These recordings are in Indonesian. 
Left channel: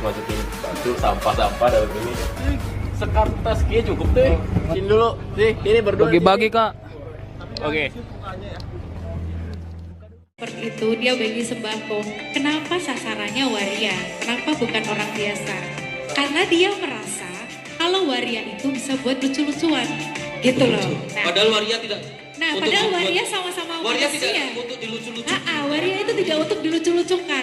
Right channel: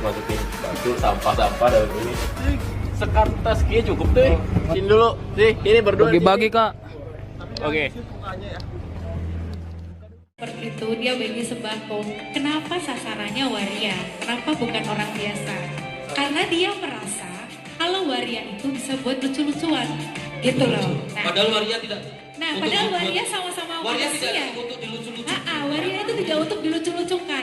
masukin batu sampah-sampah dalam ini. Sekartas kia cukup deh. Sini dulu. Nih, ini berdua. Bagi-bagi, Kak. Oke. Seperti itu dia bagi sembako. Kenapa sasarannya waria? Kenapa bukan orang biasa? Karena dia merasa kalau waria itu bisa buat lucu-lucuan, gitu loh. Padahal waria tidak. Nah, padahal waria sama-sama Waria manusia. tidak untuk dilucu-lucukan. Waria itu tidak untuk dilucu-lucukan.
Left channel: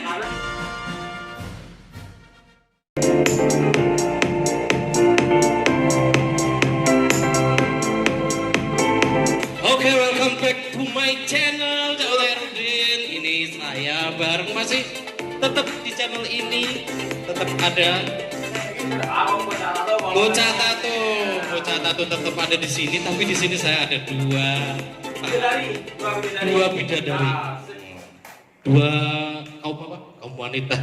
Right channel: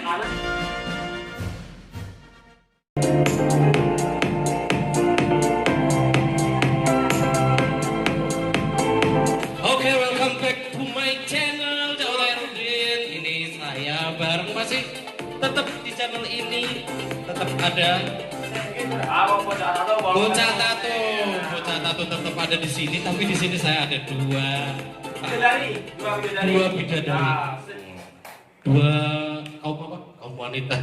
Oke, welcome back to my channel, Jaulerdin. Ini saya bareng masih tetap di channel ini tetap ada Bocah Tato tetap ada di sini, tapi di sini saya ada dua bidadari, dua kaum wanita.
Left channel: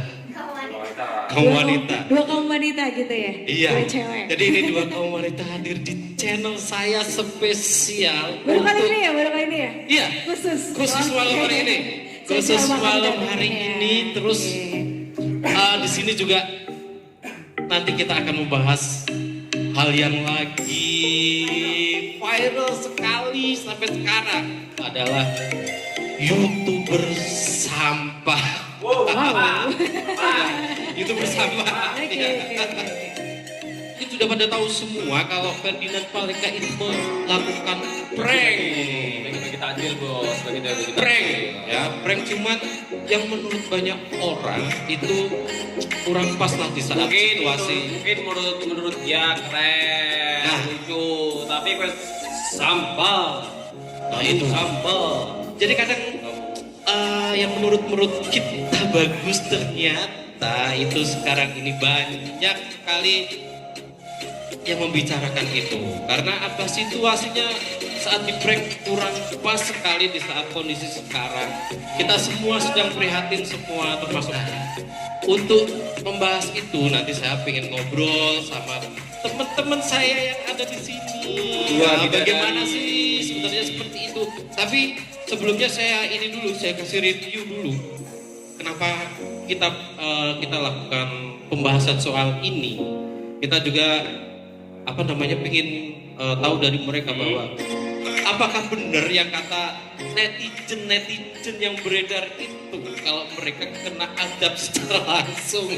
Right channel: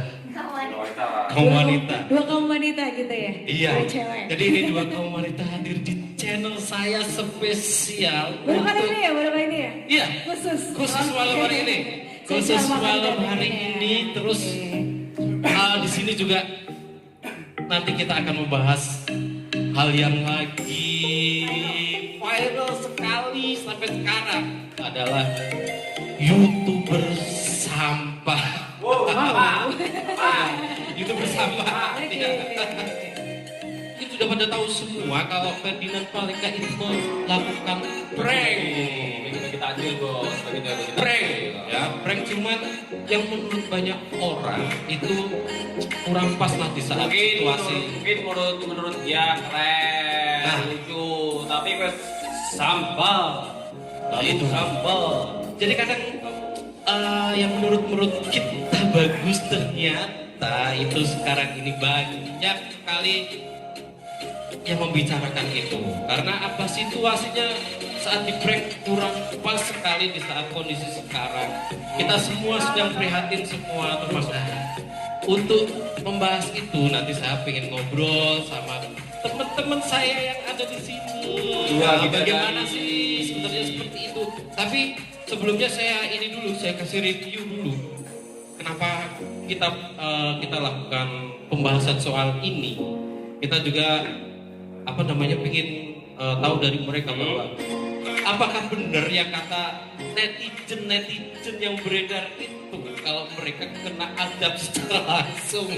Dua kaum wanita gitu ya? Iya. Dua cewek. Jadi ini dua kaum wanita hadir di channel saya spesial. Baru kali ini ya? Iya. Khusus malam hari ini. Khusus malam hari ini. Terus di sini juga nanti kita akan membahas hal yang lagi viral sekali sampai sekarang adalah YouTuber sampah. Wow. YouTuber sampah. Ini sudah pada tahu semua kalau Ferdinand Paleka itu melakukan prank. Kita adil, Bos. Prank, ya prank, cuman yang menurut banyak orang itu kurang pas nanti saat situasi. Mungkin menurut dia keren, Nah. lucu, tapi pas sampah. Nah, itu. Sampah. Jadi kadang yang menurut kita bagus ternyata itu sekarang ini banyak sekali yang membicarakan itu. Karena apa, situasinya saat di prank kurang pas sekali di saat kondisi sekarang. Kita semua sedang prihatin semua, termasuk saya. Untuk membahas itu nanti saya pengen ngobrol sama teman-teman saya yang ada di sini. Bagaimana sih sebenarnya seperti itu? Tapi sebelumnya saya kasih review dulu. Kenapa kita lakukan pembahasan soal ini? Kita juga pengen tahu dari mereka bahwa apakah benar yang kata netizen yang beredar itu kalau mereka kena azab secara langsung.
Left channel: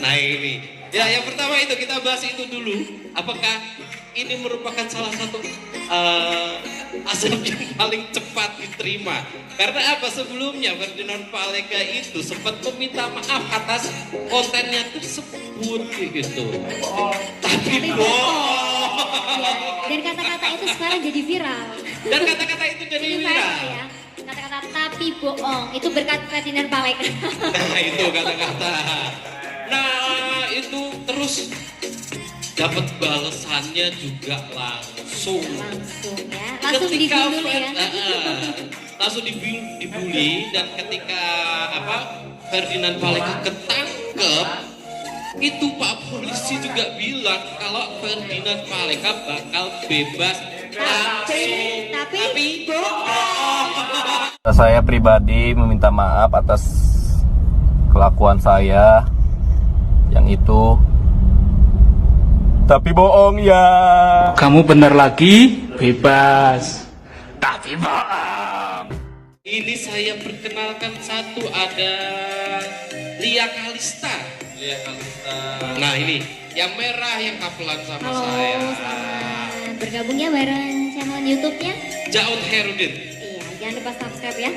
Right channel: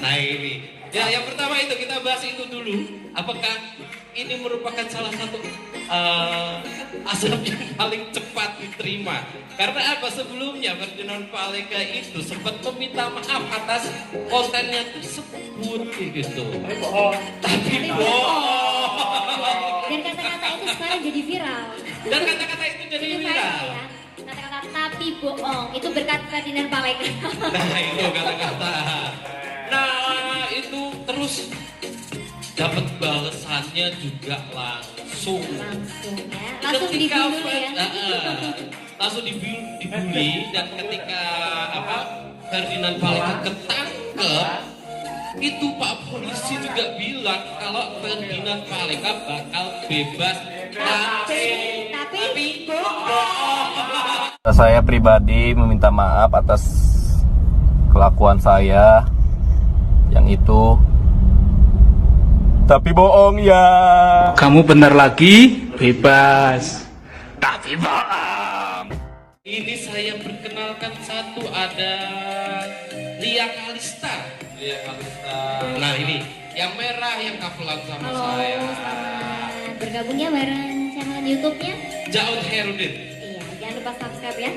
Nah ini ya, yang pertama itu kita bahas itu dulu. Apakah ini merupakan salah satu azab yang paling cepat diterima? Karena apa, sebelumnya Ferdinand Paleka itu sempat meminta maaf atas kontennya tersebut gitu. Tapi bohong. Dan kata-kata itu sekarang jadi viral. Dan kata-kata itu jadi Ini viral. viral ya. Kata-kata tapi bohong itu berkat Ferdinand Paleka. Nah itu kata-kata. Nah itu terus dapat balasannya juga langsung. Langsung ya. Langsung dibully ya. Langsung dibully, dan ketika Ferdinand Paleka ketangkep, itu Pak polisi juga bilang kalau Ferdinand Paleka bakal bebas. Tapi bohong. Saya pribadi meminta maaf atas kelakuan saya yang itu. Tapi bohong ya. Kamu benar lagi, bebas. Tapi bohong. Ini saya perkenalkan satu, ada Lia Kalista. Nah ini yang merah yang kapelan sama Halo, saya. selamat bergabungnya bareng channel YouTube-nya. Jaul Herudin. Iya, jangan lupa subscribe ya.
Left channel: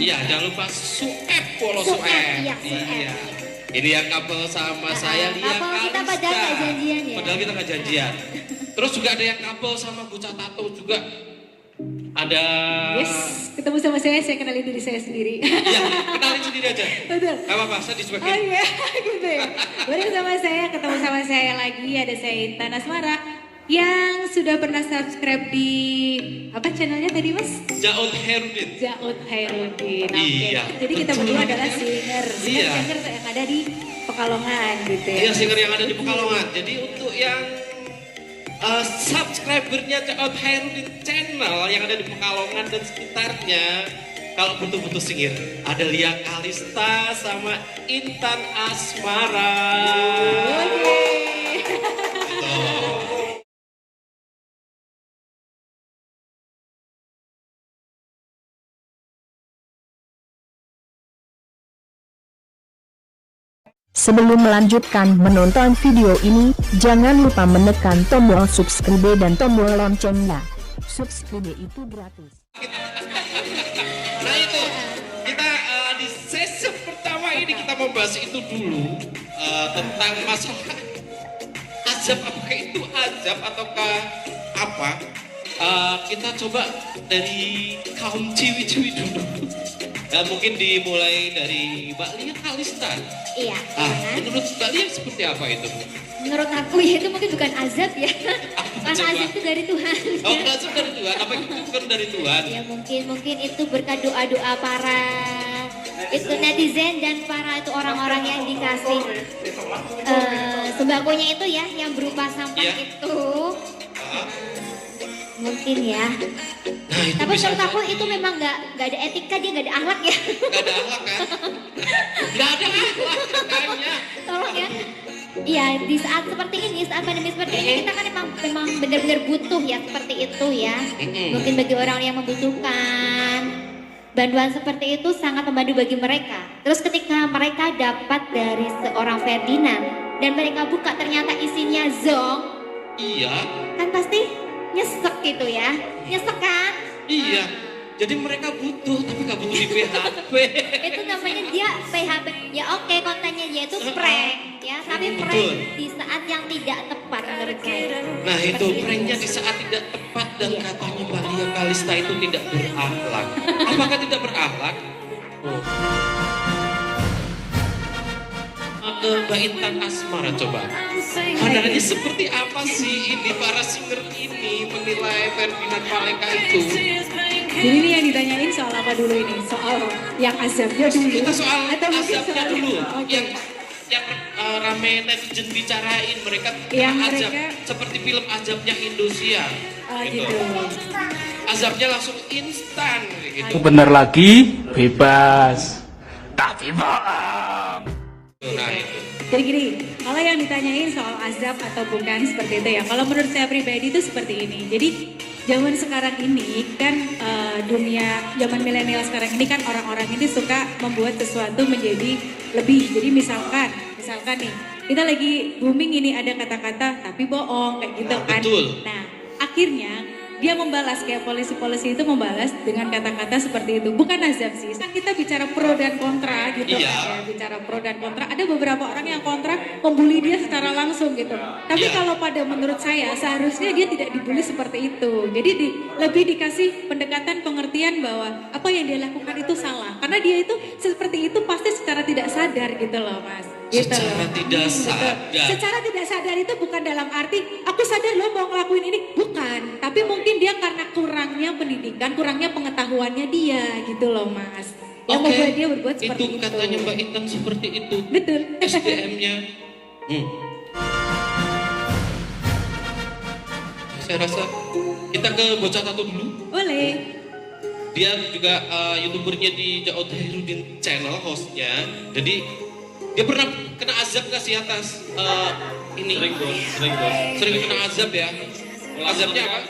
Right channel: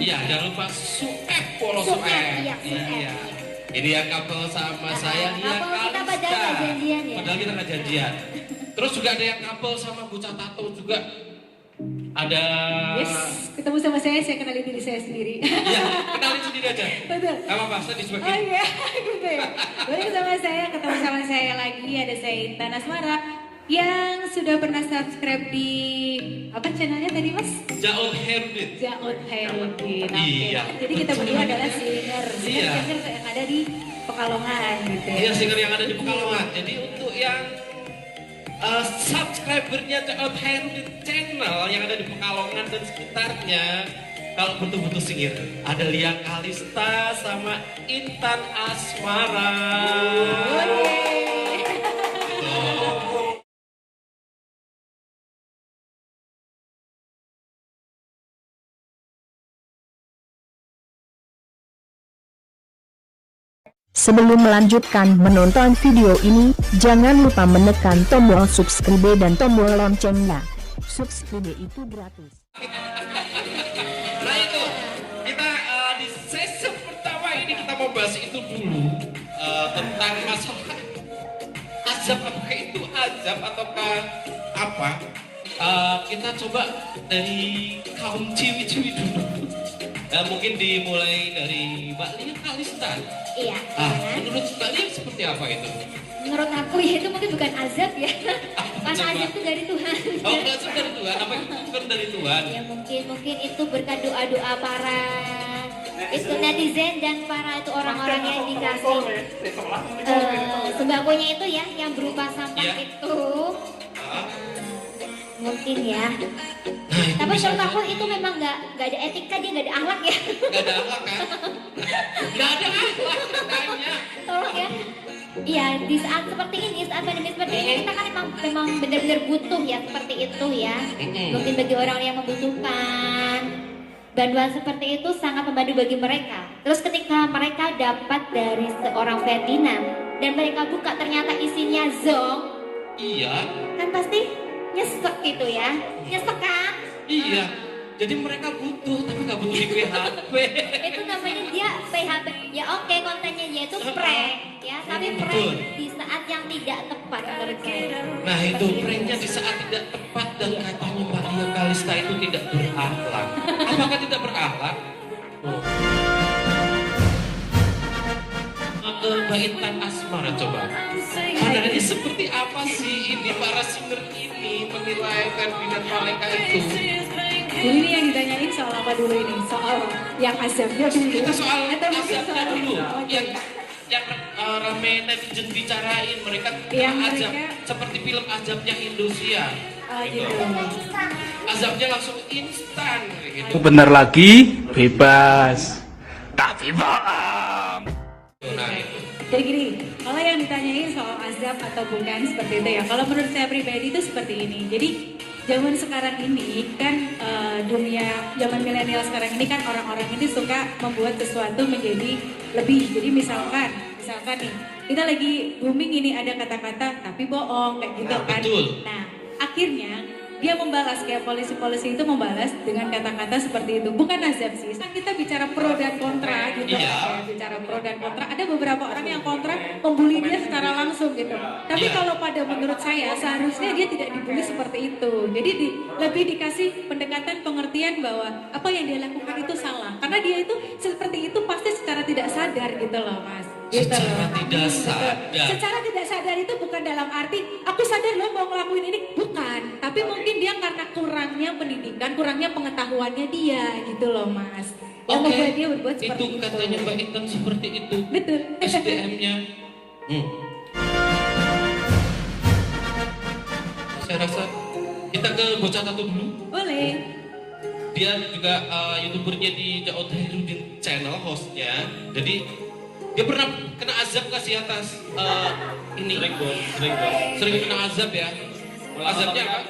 Iya, jangan lupa Suep Polo Suep, Suep. iya, Suep. Ini yang couple sama saya Lia couple kita Kalista. padahal nggak janjian ya. Padahal kita nggak janjian. Terus juga ada yang couple sama Bocah Tato juga. Ada. Yes, ketemu sama saya kenalin diri saya sendiri. Iya, kenalin sendiri aja. Betul. Gak apa-apa, saya disebagai. Oh iya, gitu ya. Baru ketemu sama saya lagi, ada saya Intan Asmara yang sudah pernah subscribe di apa channelnya tadi Mas? Jaul Herudin. Jaud Hairudin. Oke. Iya. Jadi kita berdua adalah singer Iya. yang ada di Pekalongan gitu ya. Iya, singer yang ada di Pekalongan. Jadi untuk yang subscribernya Jaul Herudin channel yang ada di Pekalongan dan sekitarnya, kalau butuh-butuh singir ada Lia Kalista sama Intan Asmara. Sebelum melanjutkan menonton video ini, jangan lupa menekan tombol subscribe dan tombol loncengnya. Subscribe itu gratis. Nah itu, kita di sesi pertama ini kita mau bahas itu dulu tentang masalah azab. Apakah itu azab ataukah apa? Kita coba dari kaum ciwi-ciwi dulu. Mungkin dimulai dari Mbak Lia Kalista. Iya. Menurut Mbak Lia seperti apa itu? Menurut aku ya itu mungkin bukan azab ya. Karena azab itu dari Tuhan. Oh, azab dari Tuhan. Apa itu bukan dari Tuhan? Ya mungkin itu berkat doa-doa para itu netizen dan para itu orang-orang yang dikasih sembakonya itu ya, yang berupa sampah Ya. itu. Mungkin ya. Nah, itu Tapi bisa menurut aku itu memang nggak ada etika, dia nggak ada akhlak ya. Gak ada akhlak kan? Gak ada akhlak katanya. Tolong ya. Iya, di saat seperti ini, saat pandemi seperti ini, kita kan memang benar-benar butuh ya seperti itu ya. Mungkin bagi orang yang membutuhkan bantuan seperti itu sangat membantu bagi mereka. Terus ketika mereka dapat dari seorang Ferdinand dan mereka buka ternyata isinya zong, Iya, kan pasti nyesek gitu ya. Nyesek kan? iya. Jadi mereka butuh, tapi gak butuh di PHP. Itu namanya dia PHP. Ya oke, kontennya dia itu prank ya, tapi prank Betul. di saat yang tidak tepat menurut saya. Nah itu pranknya di saat tidak tepat dan katanya Mbak Lia Kalista itu tidak berakhlak. Apakah tidak berakhlak? Oh. Ke Mbak Intan Asmara coba. Pandangannya seperti apa sih ini para singer ini menilai Ferdinand Paleka itu? Jadi ini yang ditanyain soal apa dulu ini? Soal yang azabnya dulu. Kita soal Atau mungkin azabnya soal- dulu. Oke. Yang rame netizen bicarain mereka Yang kena azab mereka- seperti film azabnya Indosiar. Gitu. Azabnya langsung instan gitu. Bener lagi, bebas. Tapi bohong. Nah itu. Jadi gini, kalau yang ditanyain soal azab atau bukan seperti itu ya. Kalau menurut saya pribadi itu seperti ini. Jadi zaman sekarang ini kan dunia zaman milenial sekarang ini kan orang-orang ini suka membuat sesuatu menjadi lebih. Jadi misalkan nih kita lagi booming ini ada kata-kata tapi bohong kayak gitu Nah, kan. betul. Nah akhirnya dia membalas kayak polisi-polisi itu membalas dengan kata-kata seperti itu. Bukan azab sih. Kan kita bicara pro dan kontra gitu. Iya. Ya, bicara pro dan kontra. Ada beberapa orang yang kontra membuli dia secara langsung gitu. Tapi Iya. kalau pada menurut saya seharusnya dia tidak dibully seperti itu. Jadi lebih dikasih pendekatan pengertian bahwa apa yang dia lakukan itu salah. Karena dia itu seperti itu pasti secara tidak sadar gitu loh mas. Gitu Secara loh. tidak Gitu. sadar. Secara tidak sadar itu bukan dalam arti aku sadar lo mau ngelakuin ini. Bukan. Tapi mungkin dia karena kurangnya pendidikan, kurangnya pengetahuannya dia gitu loh mas. Yang Oke, membuat dia berbuat seperti itu itu. katanya Mbak Intan seperti itu. Betul. SDM-nya. Saya rasa kita ke bocah satu dulu. Boleh. Dia juga youtubernya di Daud Herudin channel hostnya. Jadi dia pernah kena azab kasih atas ini. Sering kena azab ya. Azabnya apa?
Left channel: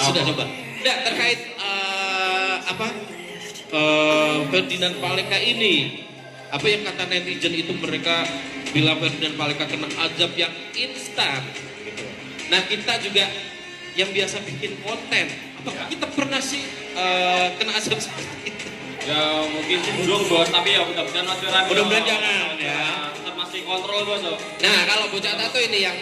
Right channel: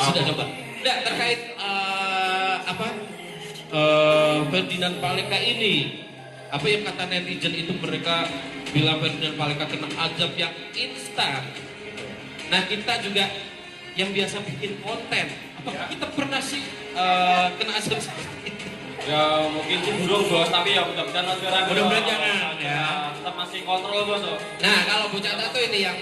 Sudah coba. Tidak terkait Ferdinand Paleka ini. Apa yang kata netizen itu mereka bilang Ferdinand Paleka kena azab yang instan. Gitu. Nah kita juga yang biasa bikin konten. Apakah kita pernah sih kena azab seperti itu? Ya mungkin dulu bos, tapi ya mudah-mudahan sekarang. Mudah-mudahan jangan ya. Tetap masih kontrol bos loh. Nah kalau bocah tato ini yang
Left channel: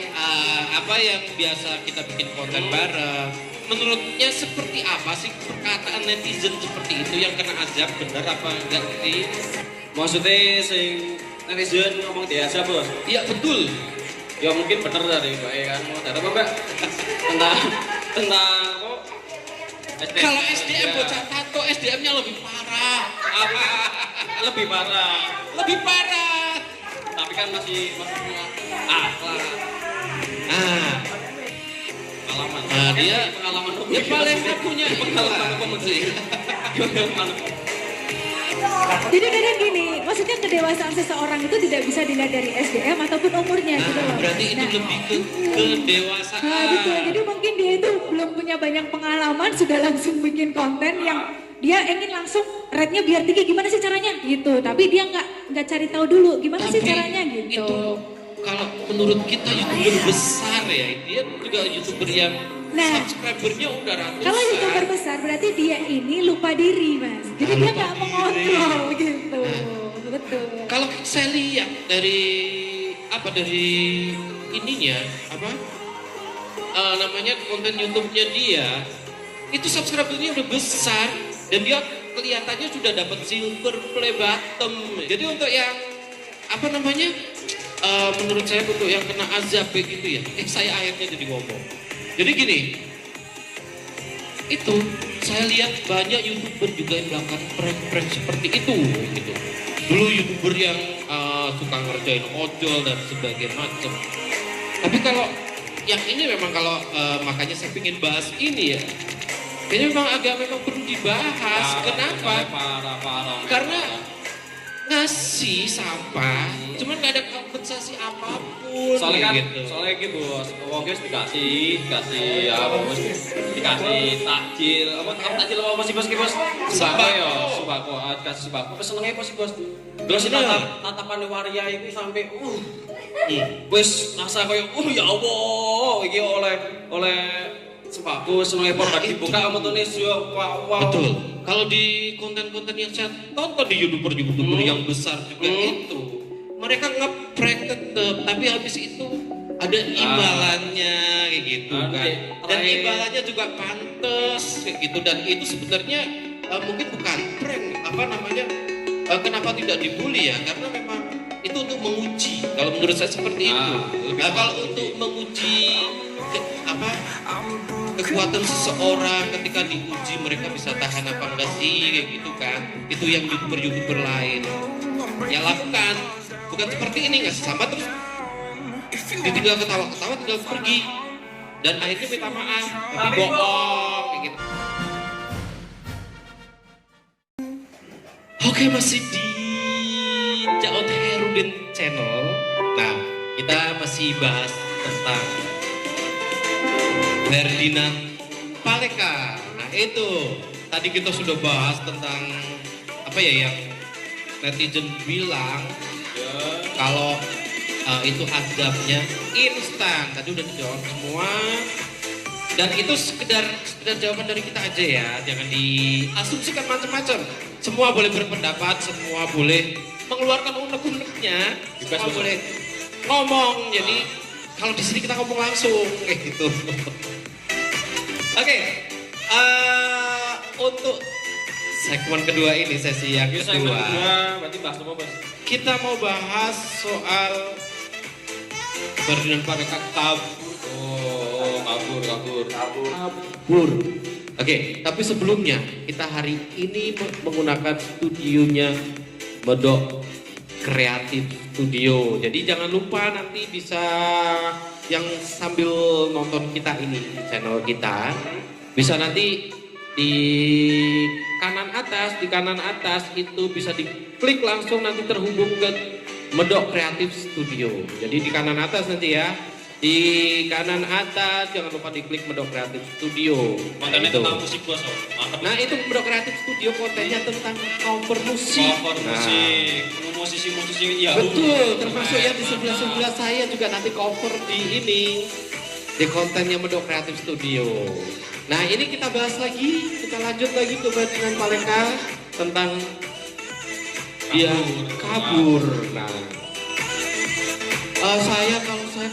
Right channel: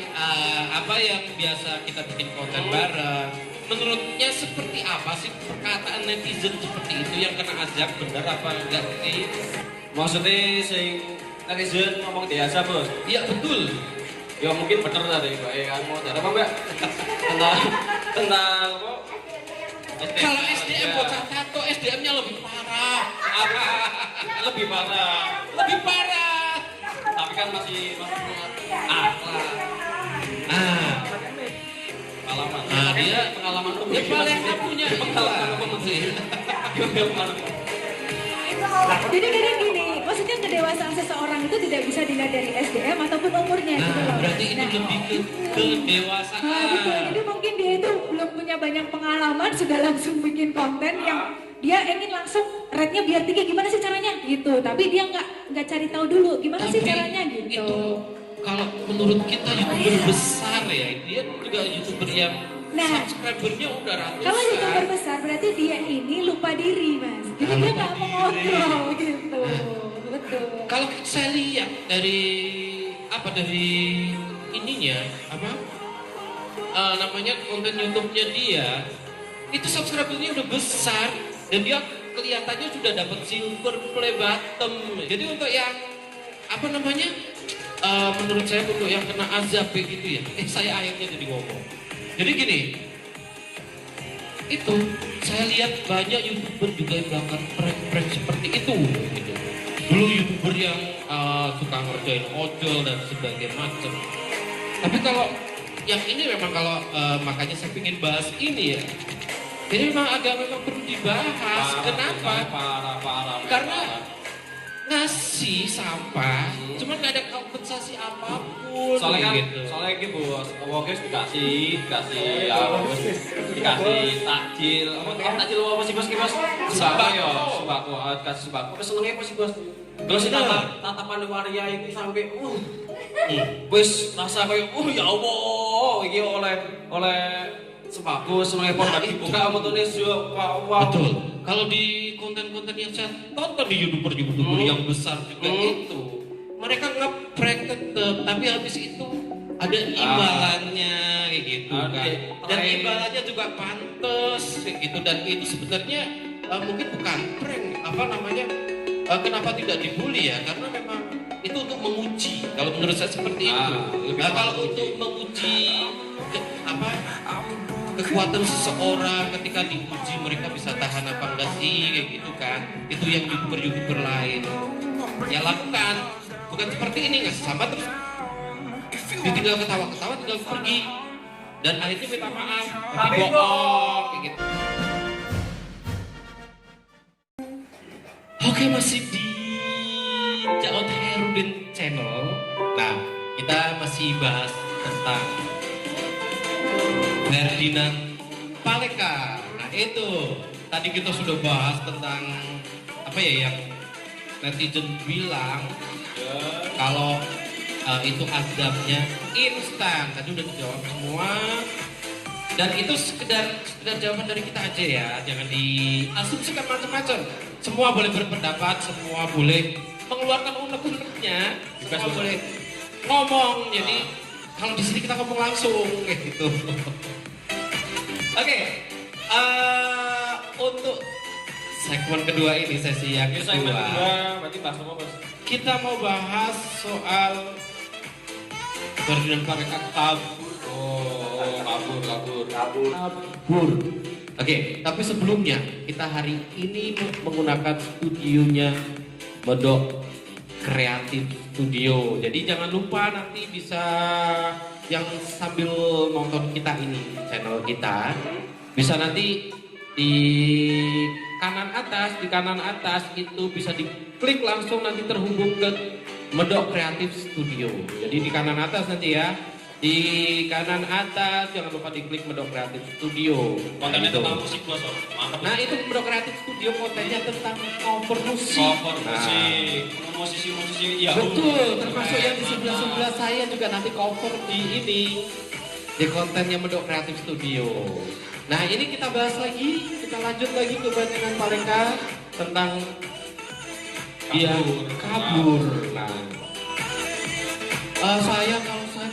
apa yang biasa kita bikin konten bareng, menurutnya seperti apa sih perkataan netizen seperti itu yang kena azab, benar apa enggak sih? Maksudnya sing netizen ngomong biasa bos. Iya betul. Ya mungkin bener tadi mbak ya kan. Mau ada apa mbak? tentang kok? Kalau SDM bocah tato SDM-nya lebih parah. Lebih parah. Lebih parah. Tapi kan masih punya akhlak. Nah, Pengalaman. dia Pengalaman dia paling nggak punya Jadi kadang gini, maksudnya kedewasaan seseorang itu tidak bisa dilihat dari SDM ataupun umurnya gitu loh. Berarti itu Nah, lebih ke kedewasaan. nah, betul. Jadi mungkin dia itu belum punya banyak pengalaman, sudah langsung bikin konten yang dia ingin langsung rate-nya biar tinggi. Gimana sih caranya? Gitu. Tapi dia nggak cari tahu dulu gimana sih Tapi caranya gitu. Itu kalau menurut kita YouTuber besar ya, dia juga YouTuber yang Nah, subscribernya udah ratusan. kalau YouTuber besar berarti dia ini lupa diri, Mas. Jadi dia nggak mengontrol gitu. Betul. Kalau saya lihat dari ininya namanya konten YouTube-nya dia itu subscribernya udah besar dan dia kelihatannya sudah dapat silver play button. Jadi untuk yang menurut saya untuk yang kena azab gitu ya. Saya akhirnya jadi ngomong. Jadi gini, itu saya lihat banyak YouTuber juga yang melakukan prank-prank seperti itu gitu. Dulu YouTuber yang suka ngerjain ojol dan sebagainya macam. Tapi kalau yang ini memang kalau makanya saya ingin bahas ini ya. Ini memang perlu dibahas. Kenapa? Karena ngasih sampah, cuma nggak ada kompensasi apapun. Soalnya kan, gitu. soalnya gitu bos, wong guys dikasih apa bos, dikasih takjil, apa takjil apa sih bos? Sembako ya, sembako, kasih sembako, kesenengnya apa sih bos? Terus ini tatapan waria ini sampai, wes rasa kayak, ya Allah, ini oleh sembako, senengnya korban dibuka, apa tuh nih, wow. Betul. Kalau di konten-konten yang saya tonton di YouTuber yang besar juga itu, mereka nge-prank tetep, tapi habis itu ada imbalannya kayak gitu kan. Dan imbalannya juga pantas kayak gitu, dan itu sebenarnya mungkin bukan prank, kenapa tidak dibully ya? Karena memang itu untuk menguji. Kalau menurut saya seperti itu. Nah, kalau untuk menguji kekuatan seseorang ketika diuji mereka bisa tahan apa enggak sih kayak gitu kan, itu yang YouTuber lain ya lakukan, bukan seperti ini ngasih sampah terus ditinggal ketawa tinggal pergi dan akhirnya minta maaf tapi bohong kayak gitu. Oke, masih di Jalan Herudin Channel. Nah, kita masih bahas tentang Ferdinand Paleka. Nah itu tadi kita sudah bahas tentang yang netizen bilang kalau itu azabnya instan. Tadi udah dijawab semua. Dan itu sekedar jawaban dari kita aja ya. Jangan diasumsikan macam-macam. Semua boleh berpendapat, semua boleh mengeluarkan unek-uneknya, semua boleh ngomong. Jadi kalau di sini kita ngomong langsung kayak gitu. Oke, untuk segmen kedua ini, sesi yang kedua, berarti bahas apa bos? kita mau bahas soal Ferdinand Paleka kabur. Kabur. Oke, tapi sebelumnya kita hari ini menggunakan studionya Medok Kreatif Studio. Jadi jangan lupa nanti bisa yang sambil nonton kita ini channel kita bisa nanti di kanan atas itu bisa diklik langsung nanti terhubung ke Medok Kreatif Studio. Jadi di kanan atas nanti ya. Di kanan atas jangan lupa diklik Medok Kreatif Studio. Kontennya tentang musik bos. Nah itu Medok Kreatif Studio kontennya tentang cover musik. Musisi ya. Betul, termasuk yang di sebelah saya juga nanti cover di kontennya Medok Kreatif Studio. Nah ini kita bahas lagi, kita lanjut lagi ke Ferdinand Paleka tentang dia kabur. Nah, kalau saya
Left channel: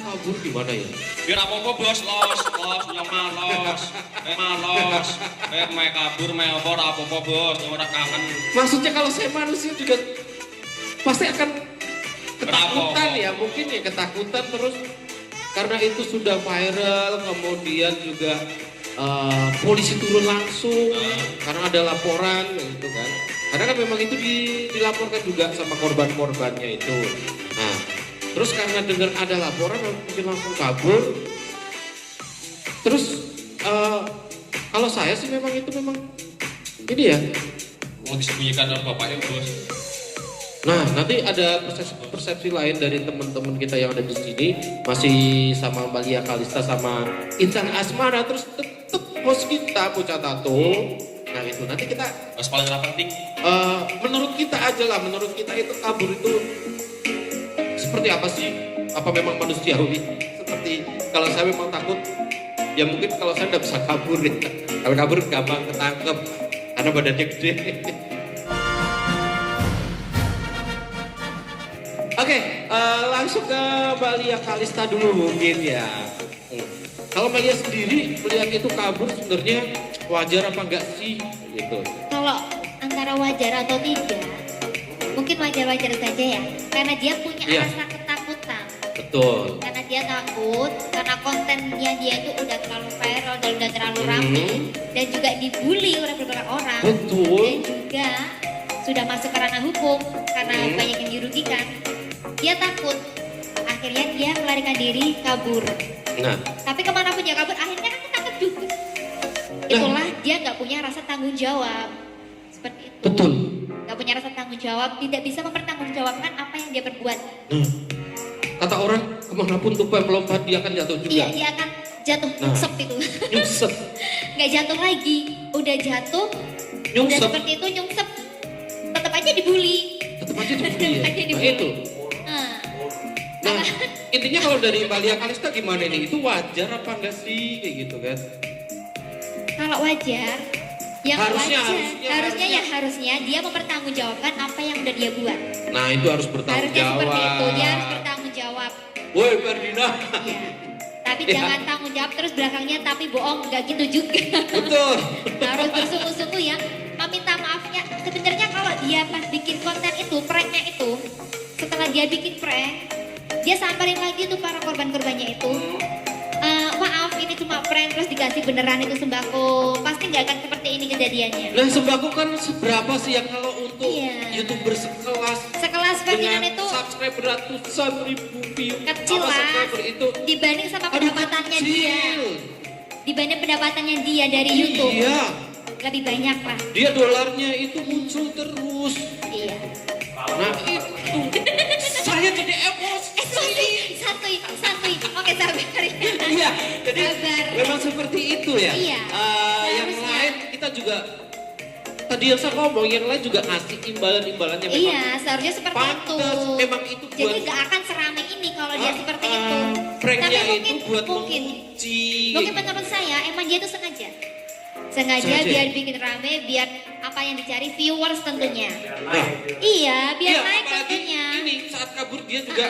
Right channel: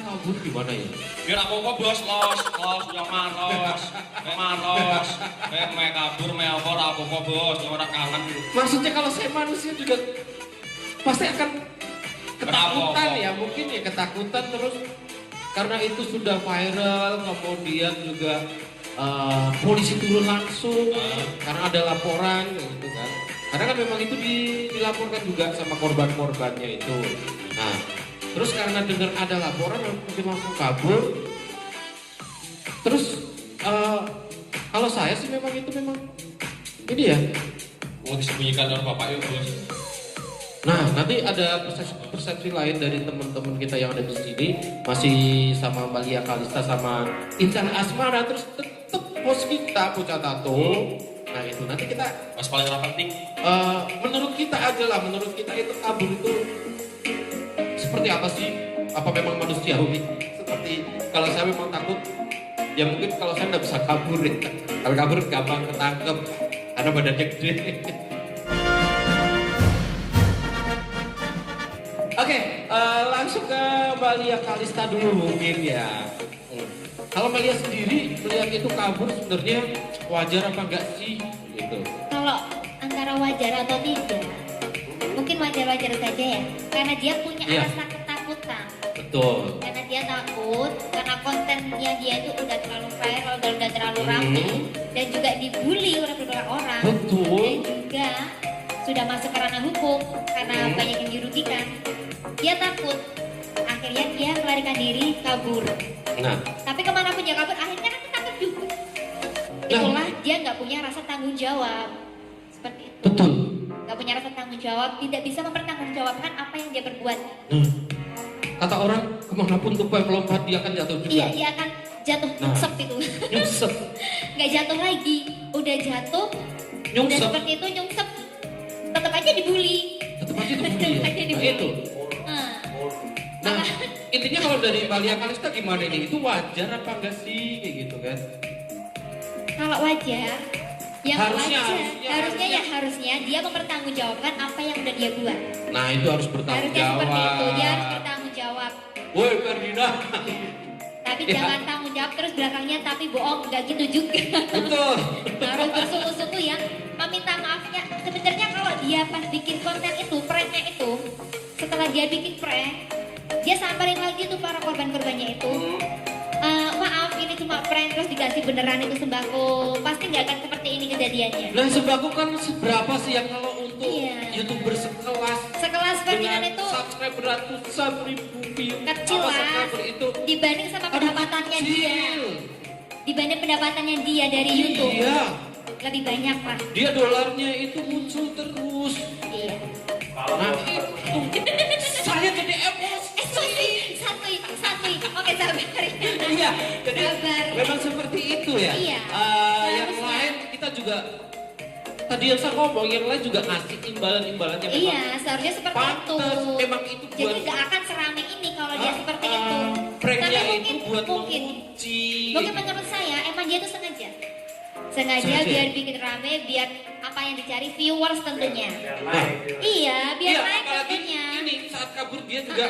kabur gimana ya? Biar apa bos, ya malos, kabur, apa bos, orang kangen. Maksudnya kalau saya manusia juga pasti akan ketakutan ya, mungkin ya ketakutan terus karena itu sudah viral, kemudian juga polisi turun langsung karena ada laporan gitu kan. Karena kan memang itu dilaporkan juga sama korban-korbannya itu. Nah, terus karena dengar ada laporan mungkin langsung kabur. Terus kalau saya sih memang ini ya Mau disembunyikan oleh bapaknya bos. Nah, nanti ada persepsi lain dari teman-teman kita yang ada di sini, masih sama Mbak Lia Kalista sama Intan Asmara, terus tetap bos kita Pucat Tato. Nah itu nanti kita Mas paling yang penting. menurut kita aja lah, menurut kita itu kabur itu seperti apa sih? Apa memang manusiawi? Seperti kalau saya memang takut, ya mungkin kalau saya nggak bisa kabur ya. Kalau kabur gampang ketangkep, karena badannya gede. Oke, langsung ke Mbak Lia Kalista dulu mungkin ya. Kalau Mbak Lia sendiri melihat itu kabur sebenarnya wajar apa enggak sih? Gitu. Kalau antara wajar atau tidak, mungkin wajar-wajar saja ya. Karena dia punya Iya. rasa ketakutan. Betul. Karena dia takut, karena kontennya dia itu udah terlalu viral dan udah terlalu ramai. Dan juga dibully oleh beberapa orang. Betul. Dan juga sudah masuk ke ranah hukum karena banyak yang dirugikan. Dia takut. Akhirnya dia melarikan diri kabur. Nah, Tapi kemanapun dia kabur, akhirnya kan ketangkep juga. Itulah dia nggak punya rasa tanggung jawab. Seperti itu. betul. Nggak punya rasa tanggung jawab, tidak bisa mempertanggungjawabkan apa yang dia perbuat. Nah, kata orang kemanapun tupai melompat dia akan jatuh juga. Iya, dia akan jatuh Nah. nyungsep itu. Nyungsep. Nggak jatuh lagi, udah jatuh, udah Nyungsep. seperti itu nyungsep. Tetap aja dibully. Tetap aja dibully ya. Tetap aja Nah dibully. itu. Nah, Nah, intinya kalau dari Mbak Lia Kalista gimana nih? Itu wajar apa enggak sih? Kayak gitu kan. kalau wajar, yang Harusnya, wajar, harusnya dia mempertanggungjawabkan apa yang udah dia buat. Nah, itu harus bertanggung Harusnya seperti itu, jawab. dia harus bertanggung jawab. Woi, Ferdina. Iya. Tapi Ya. jangan tanggung jawab terus belakangnya tapi bohong, nggak gitu juga. Betul. Harus bersungguh-sungguh ya, meminta maafnya. Sebenarnya kalau dia pas bikin konten itu, pranknya itu, setelah dia bikin prank, dia samperin lagi tuh para korban-korbannya itu. Maaf, ini cuma prank terus dikasih beneran itu sembako. Pasti nggak akan seperti ini kejadiannya. Nah, sembako kan seberapa sih yang kalau untuk Iya. YouTuber sekelas Sekelas dengan Ferdinand itu subscriber ratusan ribu view kecil apa lah subscriber itu dibanding sama aduh, pendapatannya dia. kecil. Dibanding pendapatannya dia dari YouTube, Iya, lebih banyak lah. dia dolarnya itu muncul terus. Iya. Nah, itu saya jadi emosi. Santuy. Oke, sabar. Iya, jadi Sabar. memang seperti itu ya. Iya, Yang harusnya. lain kita juga tadi yang saya ngomong, yang lain juga ngasih imbalan-imbalannya. memang Iya, seharusnya seperti pantas, itu. memang itu Jadi buat gak akan seramai ini kalau dia seperti itu. pranknya Tapi itu buat mungkin menguji. menurut saya emang dia tuh sengaja. Sengaja Sengaja. biar bikin rame, biar apa yang dicari viewers tentunya. Nah, Iya, biar iya, naik apalagi tentunya. ini saat kabur dia juga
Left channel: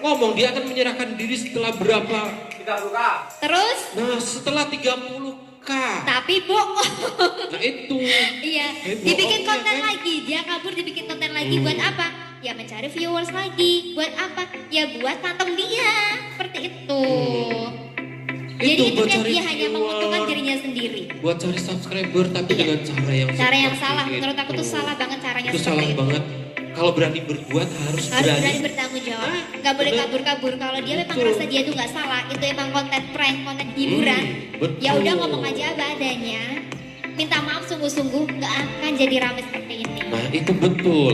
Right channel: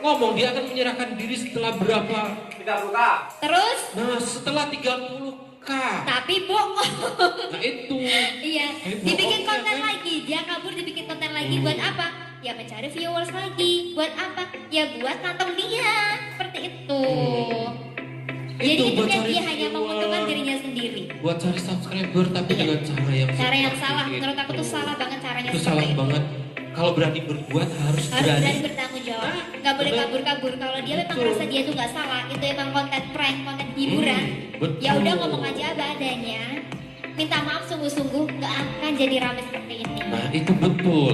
ngomong dia akan menyerahkan diri setelah berapa? 30K. Terus, Nah, setelah 30K. tapi bohong. Nah, itu. Iya, Bohong dibikin ya, konten kan? lagi. Dia kabur dibikin konten lagi buat apa? Ya mencari viewers lagi. Buat apa? Ya buat nonton dia. Seperti itu. Jadi Itu buat intinya cari dia hanya menguntungkan viewer. dirinya sendiri. Buat cari subscriber tapi Iya. dengan cara yang Cara yang seperti salah, itu. menurut aku tuh salah banget caranya Itu seperti salah itu. banget. Kalau berani berbuat harus Harus berani. berani bertanggung jawab. Nggak boleh bener. kabur-kabur. Kalau dia memang Betul. merasa dia tuh nggak salah, itu emang konten prank, konten hiburan. betul. Ya udah ngomong aja apa adanya. Minta maaf sungguh-sungguh, nggak akan jadi rame seperti ini. Nah, itu betul.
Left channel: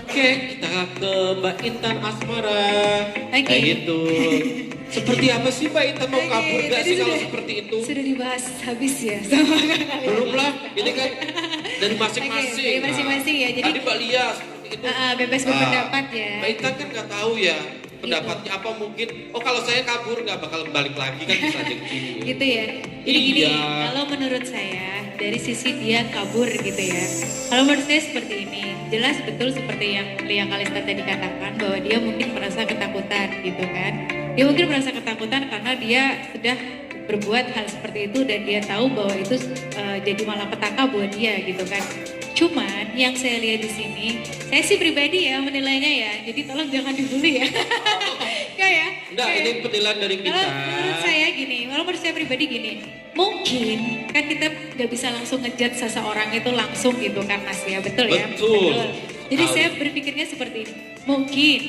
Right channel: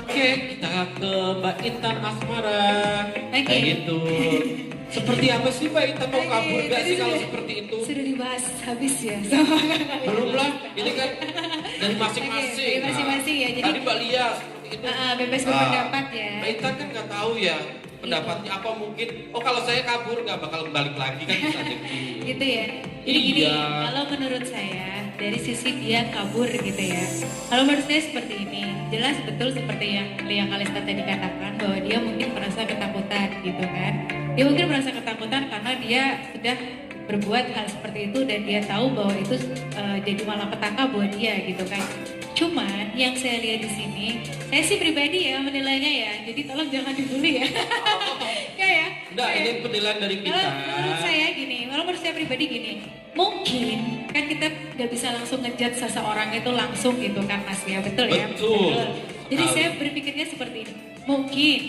Oke, kita ke Mbak Intan Asmara. Oke. Kayak gitu. Seperti apa sih Mbak Intan mau kabur gak sih kalau seperti itu? Sudah dibahas habis ya sama Belum lah, ini kan dari masing-masing. Oke, dari masing-masing ya, jadi- tadi Mbak Lia seperti itu. bebas berpendapat ya. Mbak Intan kan nggak tahu ya pendapatnya apa mungkin. Oh kalau saya kabur nggak bakal balik lagi kan bisa jadi. Gitu ya. Jadi gini, Iya. kalau menurut saya dari sisi dia kabur gitu ya. Kalau menurut saya seperti ini, jelas betul seperti yang Lia Kalista tadi katakan bahwa dia mungkin merasa ketakutan gitu kan. Dia mungkin merasa ketakutan karena dia sudah berbuat hal seperti itu dan dia tahu bahwa itu jadi malapetaka buat dia gitu kan. Cuman yang saya lihat di sini, saya sih pribadi ya menilainya ya. Jadi tolong jangan dibully ya. Ya. Enggak, Ya. ini penilaian dari kita. Kalau menurut saya gini, kalau menurut saya pribadi gini, mungkin kan kita nggak bisa langsung ngejudge seseorang itu langsung gitu kan Mas ya, betul ya? Betul. Jadi Betul. saya berpikirnya seperti ini, mungkin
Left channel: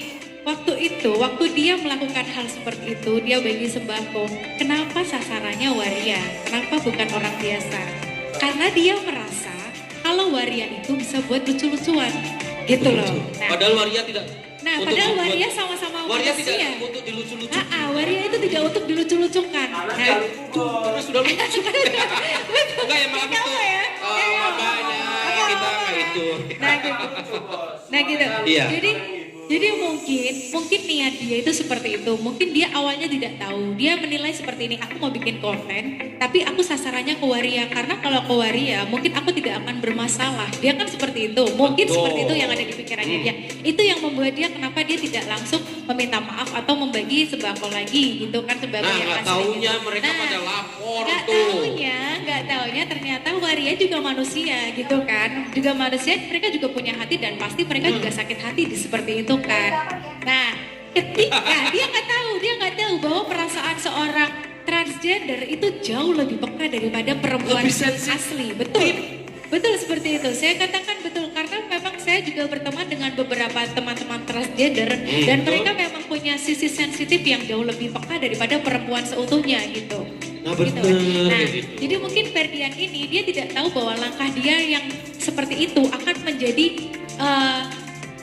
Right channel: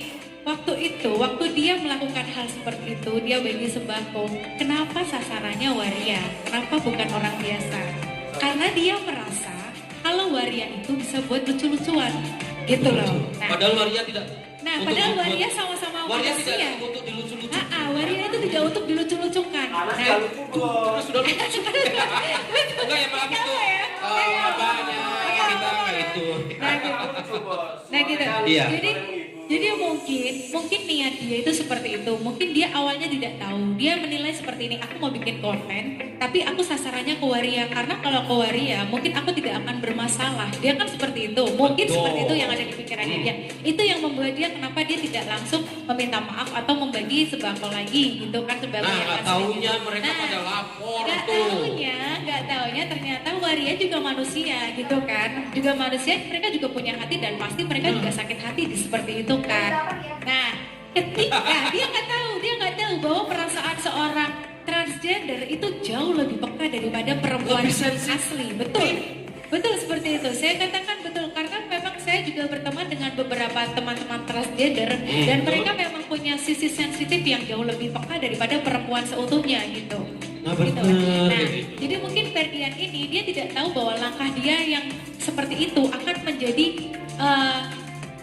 waktu itu, waktu dia melakukan hal seperti itu, dia bagi sembako, kenapa sasarannya waria? Kenapa bukan orang biasa? karena dia merasa kalau waria itu bisa buat lucu-lucuan gitu loh. Padahal waria tidak. Nah, untuk padahal dibuat- waria sama-sama waria tidak manusia. untuk dilucu-lucu. Waria itu tidak untuk dilucu-lucukan. Nah, Karena sudah lucu. Enggak ya maaf itu. ya? Makanya kita itu. Nah gitu. Iya. Jadi mungkin niat dia itu seperti itu. Mungkin dia awalnya tidak tahu. Dia menilai seperti ini. Aku mau bikin konten, tapi aku sasarannya ke waria. Karena kalau ke waria, mungkin aku tidak akan bermasalah. Dia kan seperti itu. Mungkin seperti itu yang ada di pikirannya dia. Itu yang membuat dia kenapa dia tidak langsung meminta maaf atau membagi sembako lagi gitu kan sembako Nah, yang nggak asli taunya gitu. mereka pada lapor Nggak tuh. taunya ternyata waria juga manusia gitu kan. Juga manusia, mereka juga punya hati dan pasti mereka juga sakit hati seperti itu kan. Nah, ketika dia nggak tahu bahwa perasaan seorang transgender itu jauh lebih peka daripada perempuan Lebih sensitif. asli. Betul seperti itu. Saya katakan betul karena memang saya juga berteman dengan beberapa teman-teman transgender dan mereka memang punya sisi sensitif yang jauh lebih peka daripada perempuan seutuhnya gitu. Nah, Gitu. bener. Nah, jadi mungkin Ferdi yang ini dia tidak tahu bahwa langkah dia yang seperti itu akan menjadi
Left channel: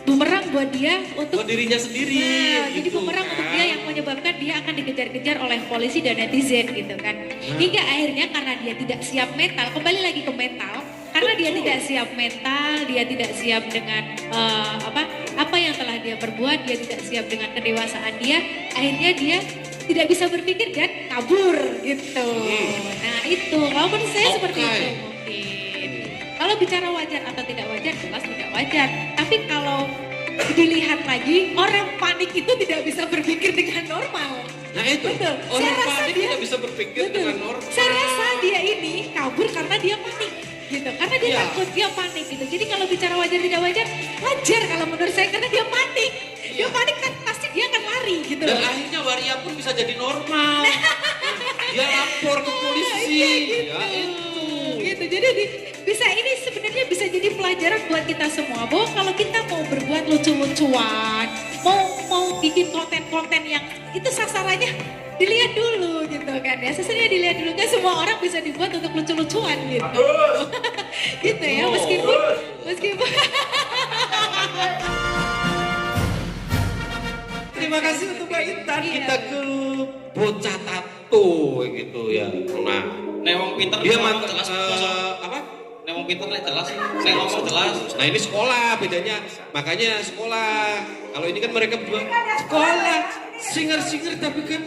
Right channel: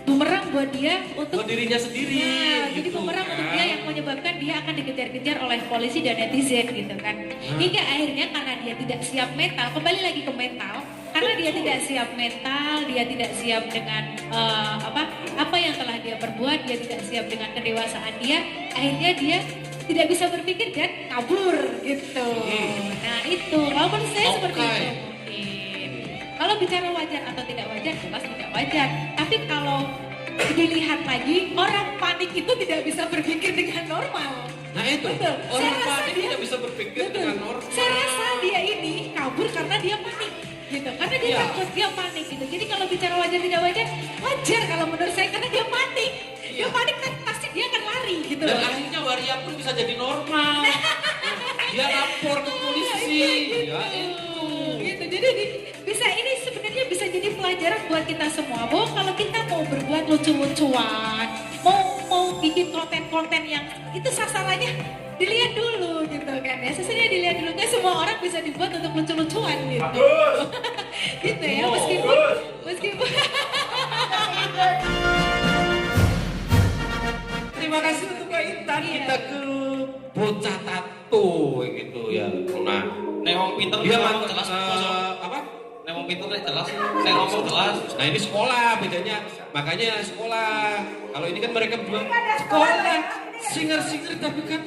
bumerang buat dia untuk Buat dirinya sendiri. Nah, jadi gitu bumerang untuk kan. dia yang menyebabkan dia akan dikejar-kejar oleh polisi dan netizen gitu kan. Hingga akhirnya karena dia tidak siap mental, kembali lagi ke mental, karena dia tidak siap mental, dia tidak siap dengan apa yang telah dia perbuat, dia tidak siap dengan kedewasaan dia, akhirnya dia tidak bisa berpikir dan kabur gitu. Nah itu, walaupun saya seperti Oke. itu mungkin. Kalau bicara wajar atau tidak wajar, jelas tidak wajar. Tapi kalau dilihat lagi, orang panik itu tidak bisa berpikir dengan normal. Nah itu, Betul. orang Saya rasa panik dia- tidak bisa berpikir Betul. dengan normal. Saya rasa dia ini kabur karena dia panik. Gitu. Karena dia Iya. takut, dia panik gitu. Jadi kalau bicara wajar tidak wajar, wajar kalau menurut saya karena dia panik. Dia panik kan pasti dia akan lari gitu. Dan loh. akhirnya waria pun bisa jadi normal. Dia lapor ke polisi. Iya, gitu. Ya itu. Gitu. Jadi bisa ini sebenarnya bisa jadi pelajaran buat kita semua bahwa kalau kita mau berbuat lucu-lucuan, mau bikin konten-konten yang itu sasarannya dilihat dulu gitu kan ya. Sasarannya dilihat dulu kan semua orang bisa dibuat untuk lucu-lucuan gitu. Gitu ya meskipun Terima kasih untuk Mbak Intan. Kita ke bocah tato gitu ya. Nah, Nek wong pinter dia ngomong mantan jelas. apa? Nek wong pinter nek jelas. Saya ngomong jelas. Nah ini sekolah bedanya, makanya sekolah. Kalau ini kan mereka bilang sekolah, singer tapi kan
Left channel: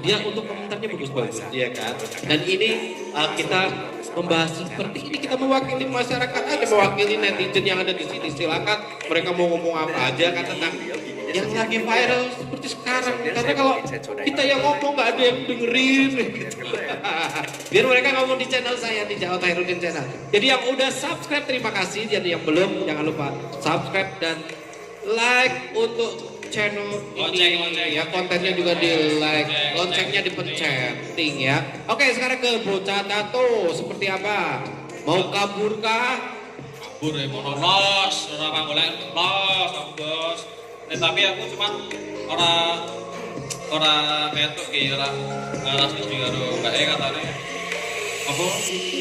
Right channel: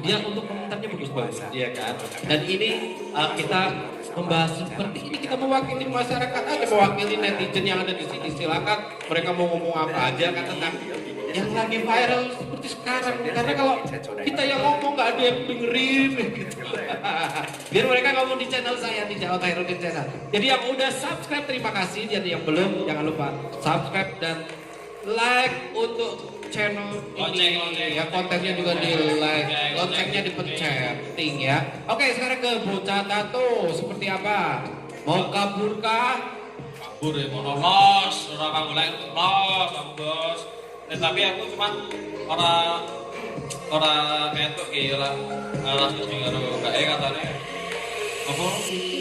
dia untuk komentarnya bagus-bagus, ya kan. Dan ini kita membahas seperti ini, kita mewakili masyarakat aja, mewakili netizen yang ada di sini. Silakan mereka mau ngomong apa aja kan tentang yang lagi viral seperti sekarang. Karena kalau kita yang ngomong nggak ada yang dengerin. Biar mereka ngomong di channel saya di Jawa Khairuddin Channel. Jadi yang udah subscribe terima kasih. Jadi yang belum jangan lupa subscribe dan like untuk channel ini. Lonceng. Ya kontennya juga di like, loncengnya dipencet, ting ya. Oke sekarang ke bocah tato seperti apa? Mau kabur kah? Kabur ya mau los, orang golek los, aku bos. Tapi aku cuman orang kayak tuh kira setuju karo Mbak E katanya. Apa?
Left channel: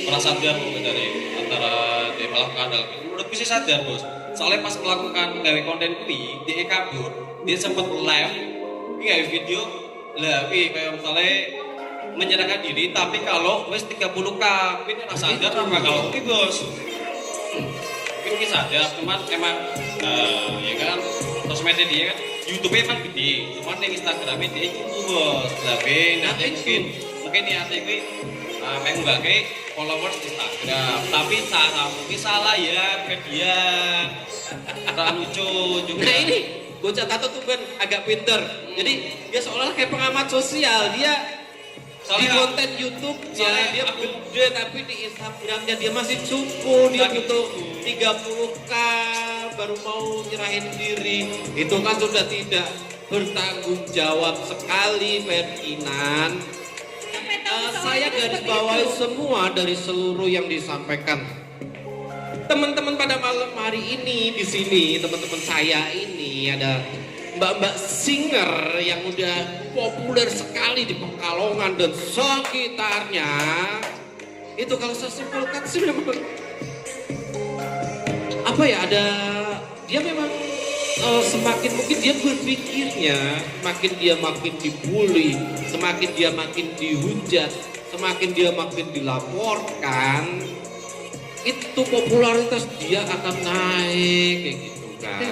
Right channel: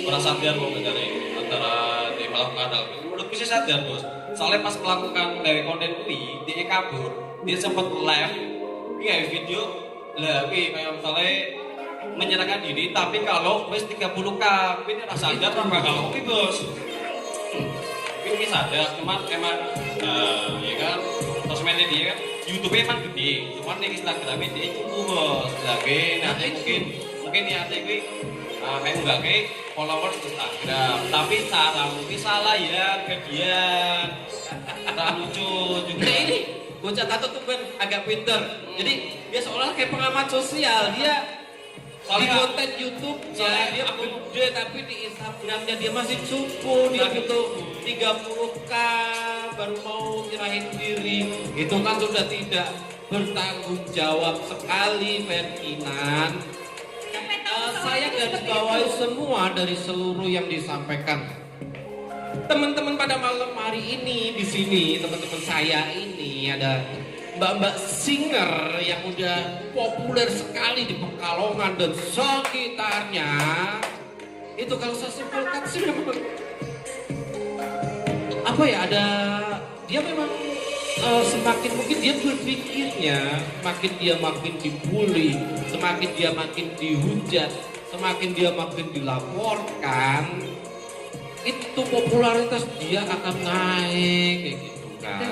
Orang sadar mau mencari antara di malam kanal. Menurut bisa sadar bos. Soalnya pas melakukan gawe konten kuwi, dia kabur, dia sempat live, gawe video, lah kayak misalnya menyerahkan diri, tapi kalau wes 30k, ini rasa sadar apa kalau ini bos. Ini sadar, cuman emang ya kan sosmednya dia kan YouTube-nya emang gede, cuman yang Instagramnya dia cukup bos. Tapi nanti mungkin niatnya ini pengen nggak kayak followers Instagram, tapi cara mungkin salah ya dia cara lucu juga. Nah ini bocah tato tuh kan agak pinter. Jadi dia seolah kayak pengamat sosial. Dia di konten YouTube dia gede tapi di Instagramnya dia masih cukup. Dia butuh 30k baru mau nyerahin diri. Itu kan sudah tidak bertanggung jawab sekali Ferdinand. Saya garis bawahi semua dari seluruh yang disampaikan teman-teman pada malam hari ini di sini. Teman-teman saya ini ada mbak-mbak singer yang udah populer sekali di Pekalongan dan sekitarnya. Itu kalau saya simpulkan sih memang apa ya, ada dia memang semakin mungkin dia berpikirnya semakin dia makin dibully, semakin dia makin dihujat, semakin dia makin dilaporkan, itu popularitas dia akan naik kayak gitu kan.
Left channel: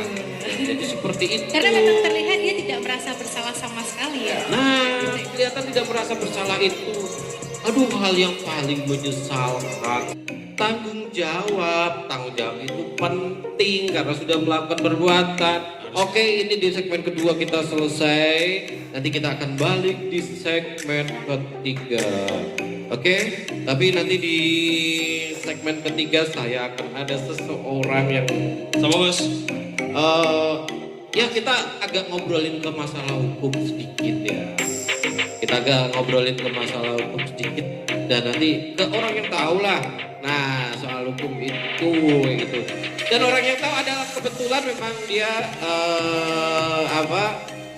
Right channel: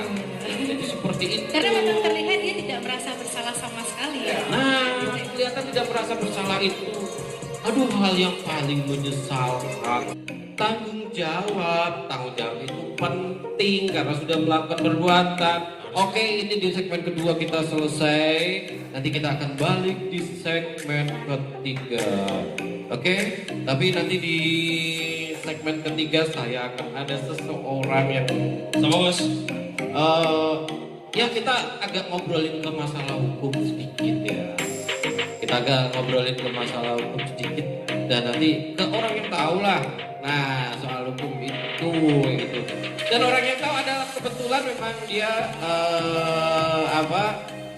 Jadi seperti itu. Karena memang terlihat dia tidak merasa bersalah sama sekali ya. Nah, kelihatan tidak merasa bersalah itu. Aduh, hal yang paling menyesalkan. Tanggung jawab itu penting karena sudah melakukan perbuatan. Oke, ini di segmen kedua kita selesai. Nanti kita akan balik di segmen ketiga. Oke, tapi nanti di segmen ketiga saya akan ada seseorang yang sama Mas. Ya kita agak ngobrolin ke masalah hukum sedikit ya. Kita agak ngobrolin ke masalah hukum sedikit dan nanti ke orang yang tahu lah. Nah soal hukum itu gitu. Dan orang yang tahu adalah kebetulan memang dia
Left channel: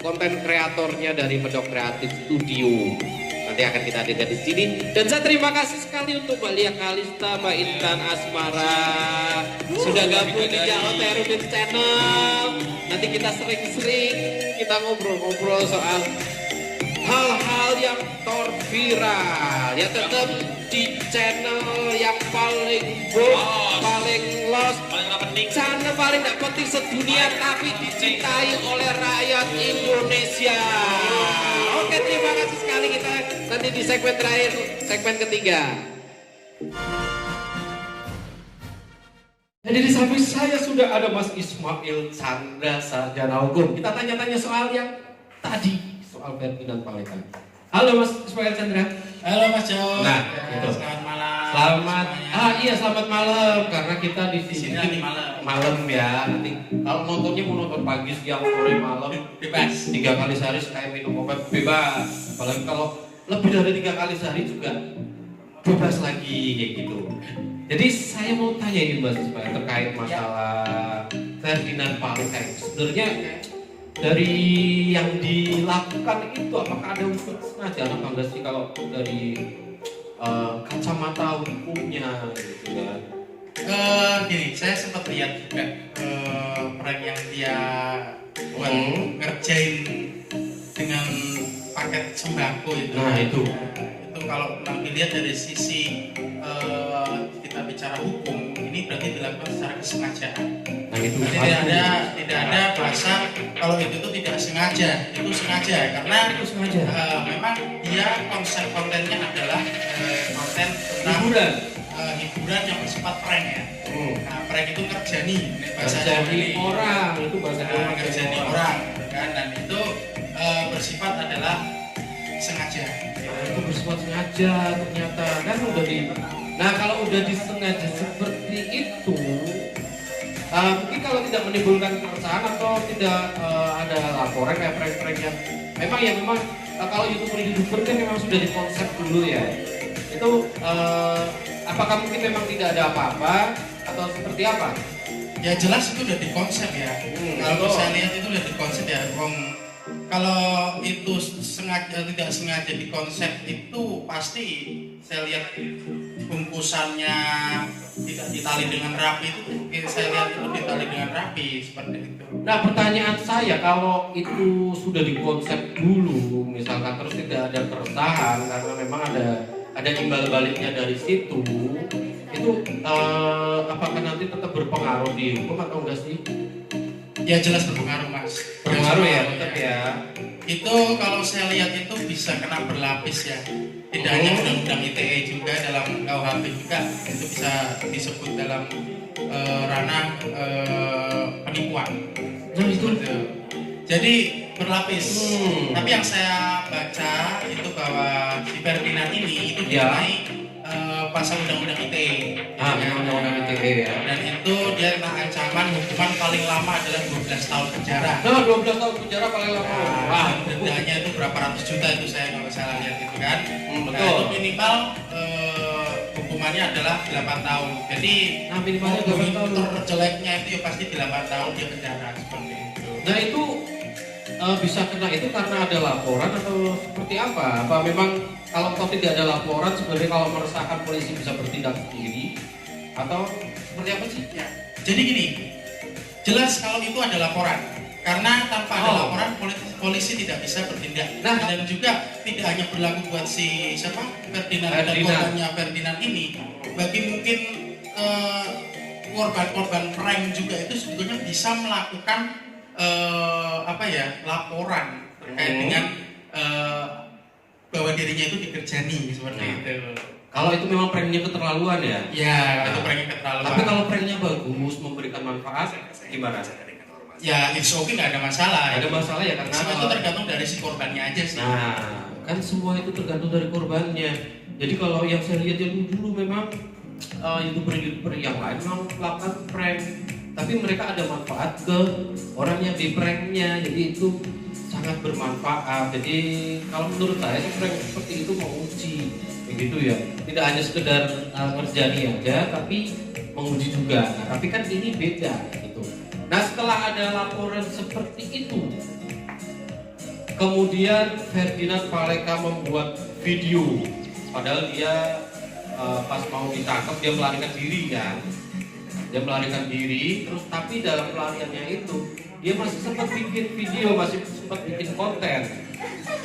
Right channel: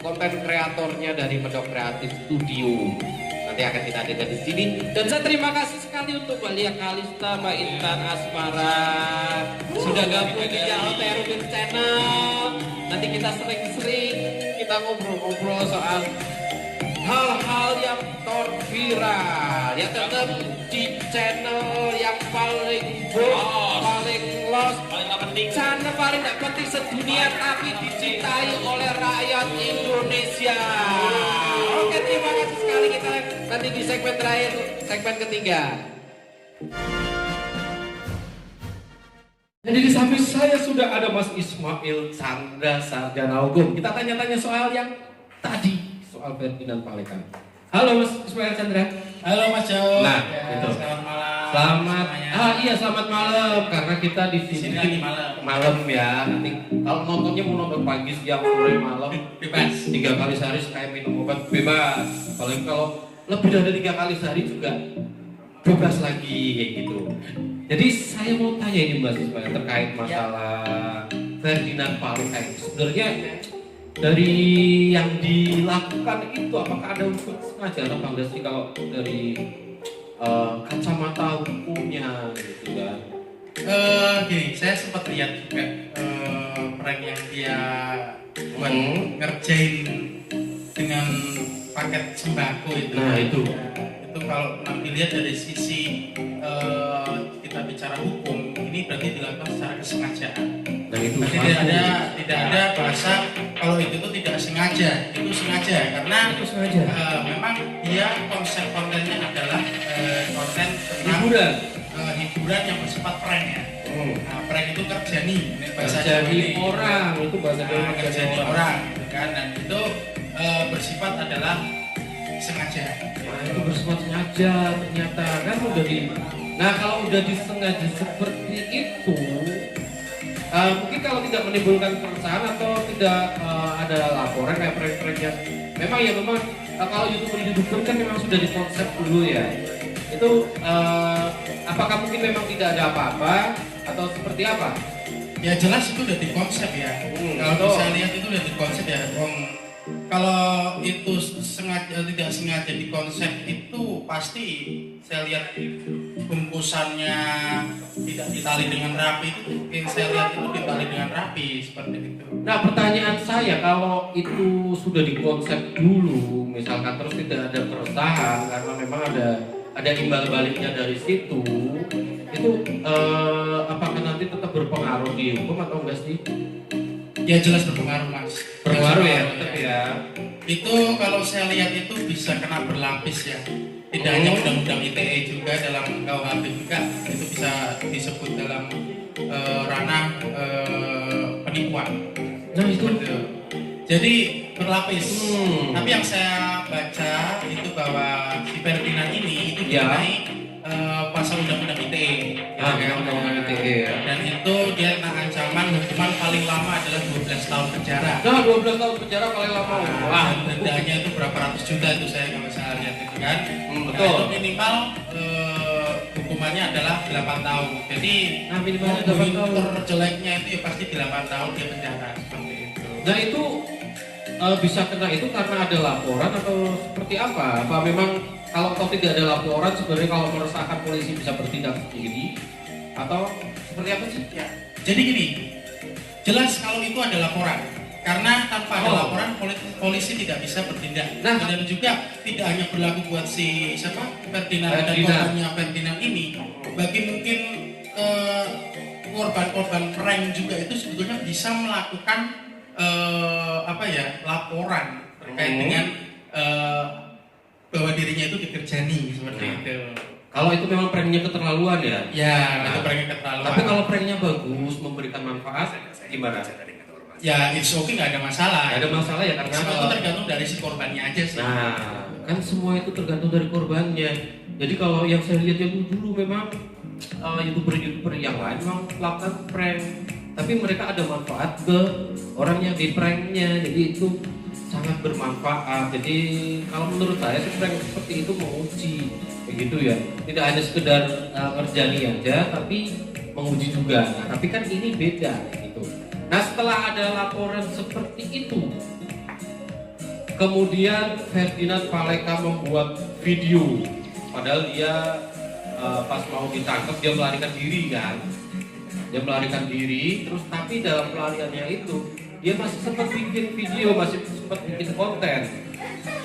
konten kreatornya dari Medok Kreatif Studio. Nanti akan kita hadirkan di sini. Dan saya terima kasih sekali untuk Mbak Lia Kalista, Mbak Intan Asmara sudah gabung di Jalterudin Channel. Nanti kita sering-sering kita ngobrol-ngobrol soal hal-hal yang viral. Ya tetap di channel yang paling paling los, channel paling tidak penting sedunia tapi dicintai oleh rakyat Indonesia. Oke, terima kasih sekali, kita nanti di segmen terakhir, segmen ketiga. Jadi di samping saya sudah ada Mas Ismail Chandra, sarjana hukum. Kita tanya-tanya soal yang tadi, soal Ferdinand Palekan. Halo Mas Ismail Chandra. Halo Mas Jo. Nah, ya, gitu. Selamat malam. Selamat. Semuanya. Iya selamat malam karena kita di sini lagi malam ya. Nanti kalau nontonnya mau nonton pagi, siang, sore, malam bebas. 3 kali sehari sekali minum obat bebas. Apalagi kalau lebih dari 3 kali sehari juga bebas lagi kayak gitu. Jadi saya mau tanya ini Mas Ismail terkait masalah Ferdinand Palekan. Sebenarnya dari yang dilakukan itu apakah ada unsur sengaja atau enggak sih kalau dari kacamata hukumnya gitu kan? Gini, saya sempat lihat juga prank yang dia buat ngerjain dengan paket sembako itu. Nah itu. Itu kalau nanti lihat dari sisi kita bicara hukum, ini berarti dilakukan secara kesengajaan. Nah itu. Tidak ada bahasa kalau itu tuh tidak sengaja, itu sengaja karena Itu sengaja. Memang dia konsep kontennya adalah konten tentang hiburan yang bersifat prank ya. Nah prank itu kerjani Jadi orang itu bahasa kerjani orang gitu kan, dan itu bersifat adalah sengaja. Nah, itu bersifat sengaja ternyata kan udah di. Nah kalau udah disengaja seperti itu, mungkin kalau tidak menimbulkan keresahan atau tidak ada laporan kayak prank-pranknya, memang kalau YouTuber kan memang sudah dikonsep dulu ya. Itu apakah mungkin memang tidak ada apa-apa atau seperti apa? Ya jelas itu udah dikonsep ya. Kalau bisa lihat itu udah dikonsep ya. Kalau itu sengaja tidak sengaja dikonsep itu pasti saya lihat bungkusannya tidak ditali dengan rapi itu, saya lihat itu ditali dengan rapi seperti itu. Nah pertanyaan saya, kalau itu sudah dikonsep dulu misalkan terus tidak ada keresahan karena memang ada imbal baliknya dari situ, itu apakah nanti tetap berpengaruh di hukum atau enggak sih? Ya jelas berpengaruh Mas. Berpengaruh ya, tetap ya. Itu kalau saya lihat itu bisa kena berlapis ya. Tidak hanya undang-undang ITE juga, dalam KUHP juga itu bisa disebut dalam ranah penipuan. Nah itu. Jadi berlapis. Tapi yang saya baca itu bahwa si Ferdinand ini itu dikenai pasal undang-undang ITE. Undang-undang ITE ya. Dan itu dia kena ancaman hukuman paling lama adalah 12 tahun penjara. Nah 12 tahun penjara paling lama. Wah, dendanya itu berapa ratus juta itu saya kalau saya lihat itu kan. Betul. Nah, itu minimal hukumannya adalah 8 tahun. Jadi minimalnya 8 tahun. terjeleknya itu ya pasti 8 tahun dia penjara seperti itu. Nah itu bisa kena itu karena ada laporan atau seperti apa? Apa memang kalau tidak ada laporan sebenarnya kalau meresahkan polisi bisa bertindak sendiri atau seperti apa sih? Ya, jadi gini, jelas kalau itu ada laporan. Karena tanpa ada laporan polisi tidak bisa bertindak. Nah, dan juga tidak hanya berlaku buat si siapa Ferdinand dan korbannya Ferdinand ini, bagi mungkin korban-korban prank juga itu sebetulnya bisa melakukan laporan terkait dengan bahwa dirinya itu dikerjani seperti itu. Kalau itu memang pranknya keterlaluan ya? Ya, itu pranknya keterlaluan. Tapi kalau pranknya bagus, memberikan manfaat, gimana? Ya, it's okay, nggak ada masalah. Ada masalah ya karena semua itu tergantung dari si korbannya aja sih. Nah, kan semua itu tergantung dari korbannya. Jadi kalau yang saya lihat yang dulu memang youtuber yang lain memang melakukan prank, tapi mereka ada manfaat ke orang yang di pranknya. Jadi itu sangat bermanfaat. Jadi kalau menurut saya sih prank seperti itu menguji, begitu ya. Tidak hanya sekedar ngerjani aja, tapi menguji juga. Nah, tapi kan ini beda gitu. Nah setelah ada laporan seperti itu, kemudian Ferdinand Paleka membuat video, padahal dia pas mau ditangkap dia melarikan diri kan, terus tapi dalam pelariannya itu dia masih sempat bikin video, masih sempat bikin konten,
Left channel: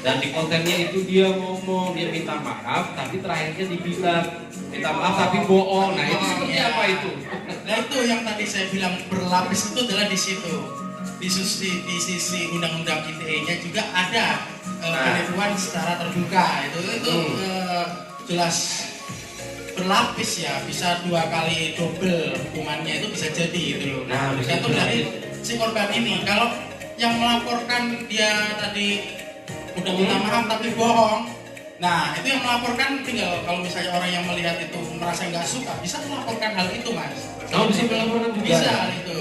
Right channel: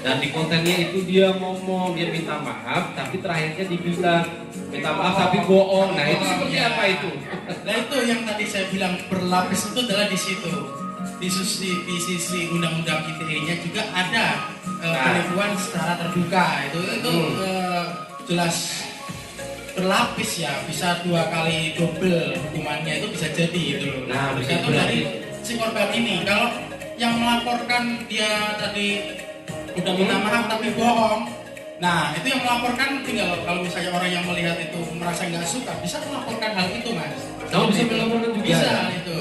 dan di kontennya itu dia ngomong, dia minta maaf, tapi terakhirnya dibilang minta maaf tapi bohong. Nah itu seperti apa itu? Nah itu yang tadi saya bilang berlapis itu adalah di situ. Di sisi undang-undang ITE-nya juga ada penipuan secara terbuka. Itu jelas berlapis ya, bisa 2 kali double hukumannya itu bisa jadi gitu loh. Nah, tergantung dari si korban ini. Kalau yang melaporkan dia tadi udah minta maaf tapi bohong, nah itu yang melaporkan tinggal kalau misalnya orang yang melihat itu merasa nggak suka bisa melaporkan hal itu mas. Bisa melaporkan juga. Bisa itu.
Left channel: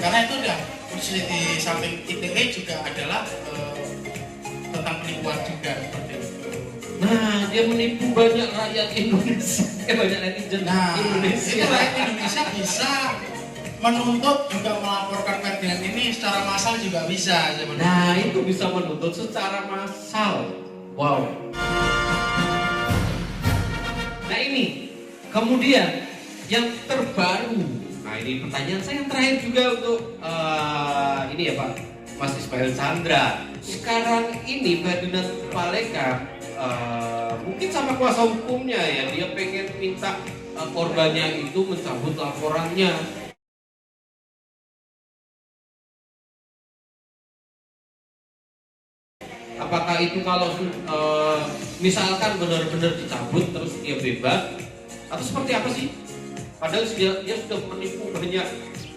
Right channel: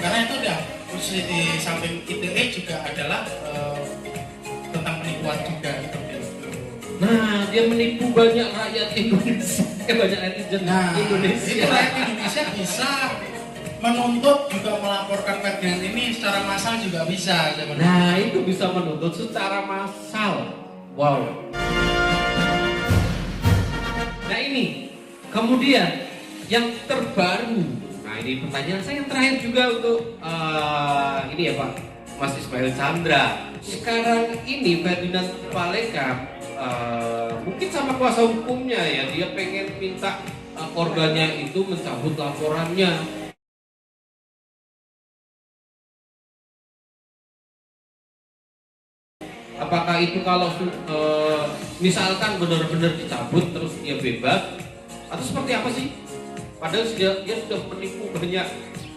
Karena itu udah di samping ITE juga adalah tentang penipuan juga seperti itu. Nah, dia menipu banyak rakyat Indonesia, banyak netizen Indonesia. Itu rakyat Indonesia bisa menuntut juga melaporkan Ferdinand ini secara massal juga bisa. Nah, itu bisa menuntut secara massal. Wow. Nah ini, kemudian yang terbaru. Nah ini pertanyaan saya yang terakhir juga untuk ini ya Pak, Mas Ismail Chandra. Sekarang ini Ferdinand Paleka mungkin sama kuasa hukumnya ya, dia pengen minta korbannya itu mencabut laporannya. Apakah itu kalau misalkan benar-benar dicabut terus dia bebas atau seperti apa sih? Padahal dia sudah menipu banyak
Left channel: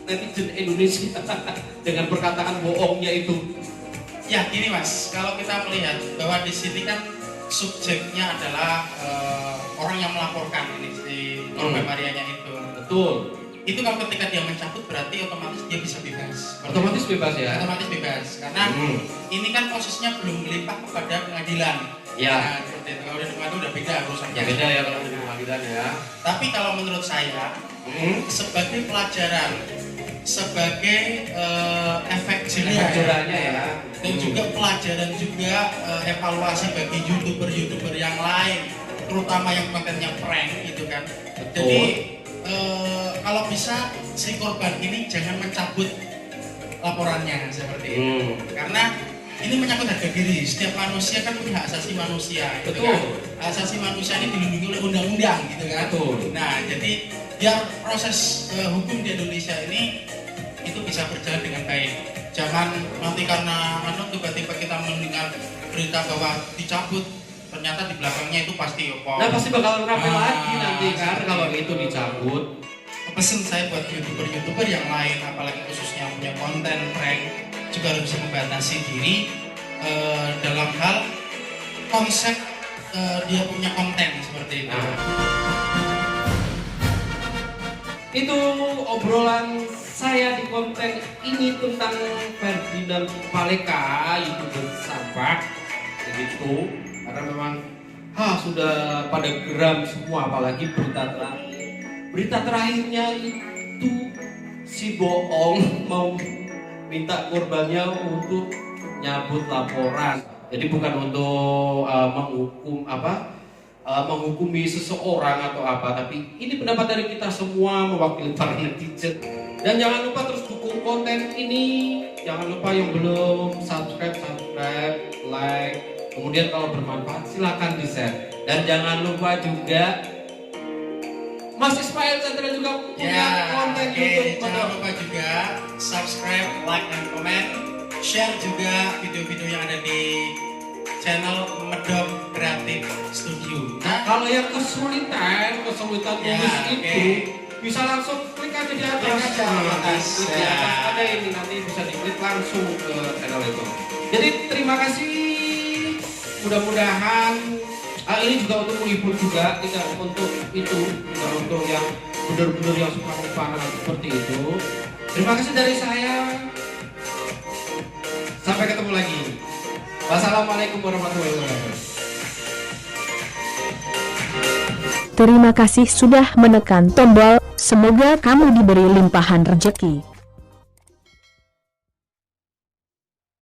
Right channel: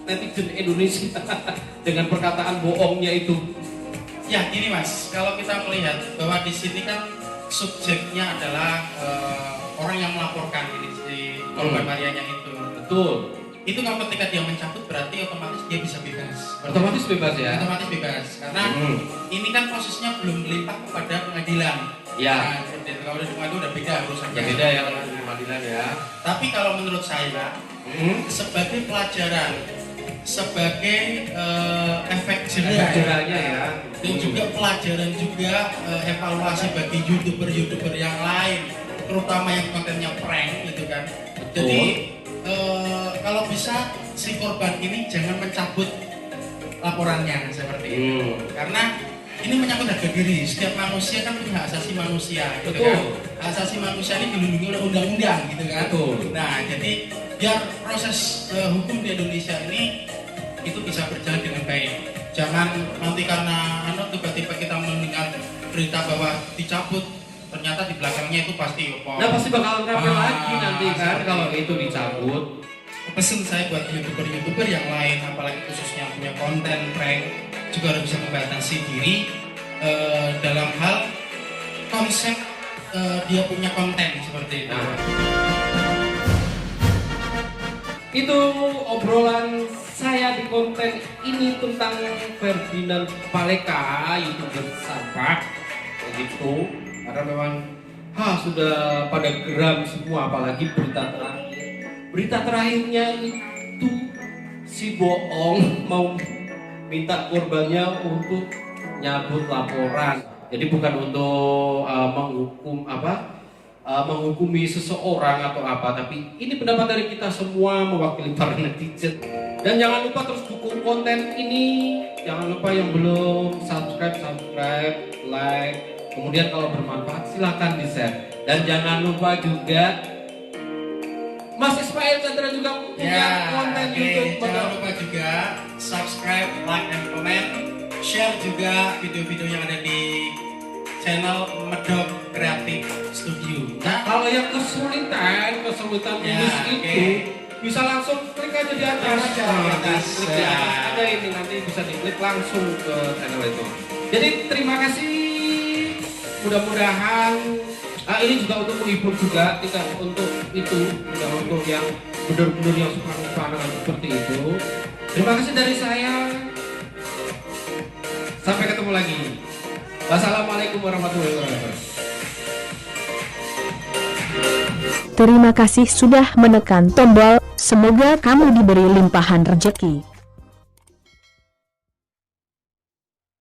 netizen Indonesia dengan perkataan bohongnya itu. Ya gini mas, kalau kita melihat bahwa di sini kan subjeknya adalah orang yang melaporkan si korban Marianya itu. Betul. Itu kalau ketika dia mencabut berarti otomatis dia bisa bebas. Otomatis bebas ya? Otomatis bebas. Karena ini kan posisinya belum melimpah kepada pengadilan. Ya. Nah, seperti itu. Kalau di pengadilan udah beda urusannya. Ya beda ya kalau di pengadilan ya. Tapi kalau menurut saya sebagai pelajaran, sebagai efek jerahnya ya, dan juga pelajaran juga evaluasi bagi youtuber yang lain, terutama yang kontennya prank gitu kan. Jadi kalau bisa si korban ini jangan mencabut laporannya seperti itu. Karena ini menyangkut harga diri. Setiap manusia kan punya hak asasi manusia gitu kan. Hak asasi manusia ini dilindungi oleh undang-undang gitu kan. Nah, jadi biar proses hukum di Indonesia ini itu bisa berjalan dengan baik. Jangan nanti karena tiba-tiba kita mendengar berita bahwa dicabut, ternyata di belakangnya itu pasti Nah pasti bakalan rame lagi nanti kan kalau itu dicabut. Pesan saya buat youtuber yang lain, apalagi khususnya punya konten prank, juga harus bisa membatasi diri dalam hal konsep dia punya konten seperti itu. Itu obrolan saya di konten ini tentang Ferdinand Paleka, youtuber sampah, begitu. Karena memang sudah pada geram semua, apalagi berita terakhir. Berita terakhirnya itu si bohong mau minta korbannya untuk nyabut laporan. Jadi bukan untuk menghukumi seseorang atau apa, tapi ini pendapat dari kita semua mewakili para netizen. Dan jangan lupa terus dukung konten ini. Jangan lupa yang belum subscribe, like. Kemudian kalau bermanfaat silakan di-share. Dan jangan lupa juga Mas Ismail Chandra juga punya konten YouTube. Jangan lupa juga subscribe, like, dan komen. Share juga video-video yang ada di channel Medok Kreatif Studio. Nah, kalau yang kesulitan tulis itu bisa langsung klik aja di atas. Ada ini nanti bisa diklik langsung ke channel itu. Jadi terima kasih. Mudah-mudahan ini juga untuk menghibur juga, tidak untuk itu, tidak untuk yang benar-benar yang parah seperti itu. Terima kasih dari saya. Sampai ketemu lagi. Wassalamualaikum warahmatullahi wabarakatuh. Terima kasih sudah menekan tombol. Semoga kamu diberi limpahan rezeki.